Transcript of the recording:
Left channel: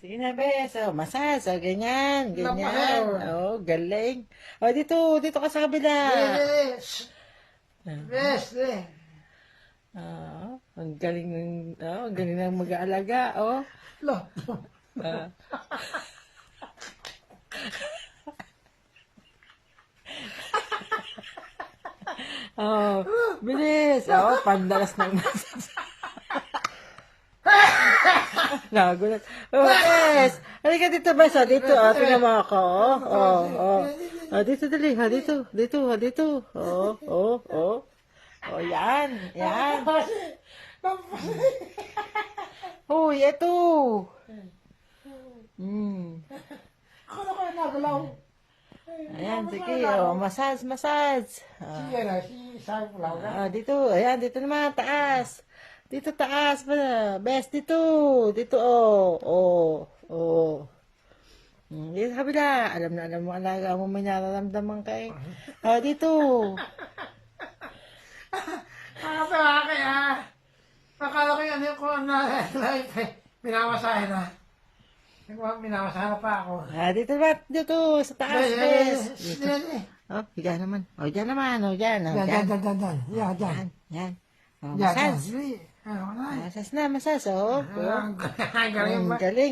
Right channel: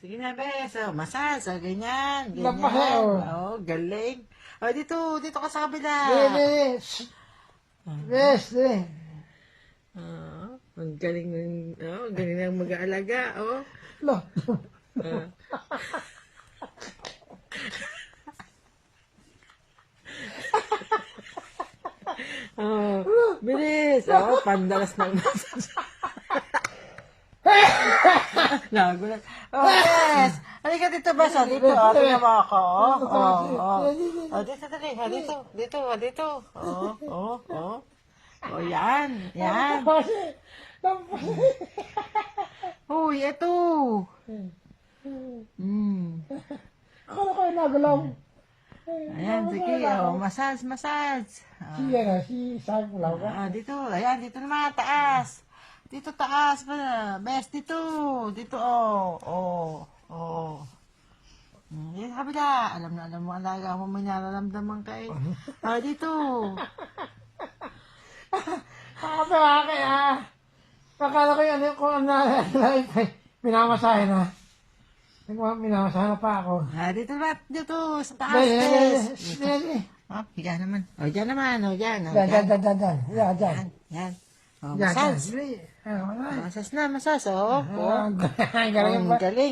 Sige na, bes. Oh, masas. Oh, ganyan. Ganyan. Napaka, Oh, galing. Oh, dito ka sa kabila. Yes. Yes. Oh, ang galing ang galing ng mag-aalaga. Oh. Lo. Ah. Oh, bilis. Oh, pandalas ng masas. Nagulat. Oh, yes. Halika dito, bes. Oh, dito. Oh, tingnan mo ako. Oh, dito, dali. Oh, dito. Oh, yan. Uy, eto. Akala ko nagalaw. Ayan, sige. Oh, massage. Sige na, sabi ko lang. Dito. Ayan, dito naman. Taas. Dito, taas. Best, dito. Dito, oh. Dito sa kabila. Alam mo, alaga mo, may nararamdaman ka eh. Dito. Akala ko yan ko minamasahe na. Minamasahe na pa ako. Dito, sa taas, best. Higa naman. Diyan naman. Diyan. Yan. Massage. Massage na. Oh. Galing ba? Galing.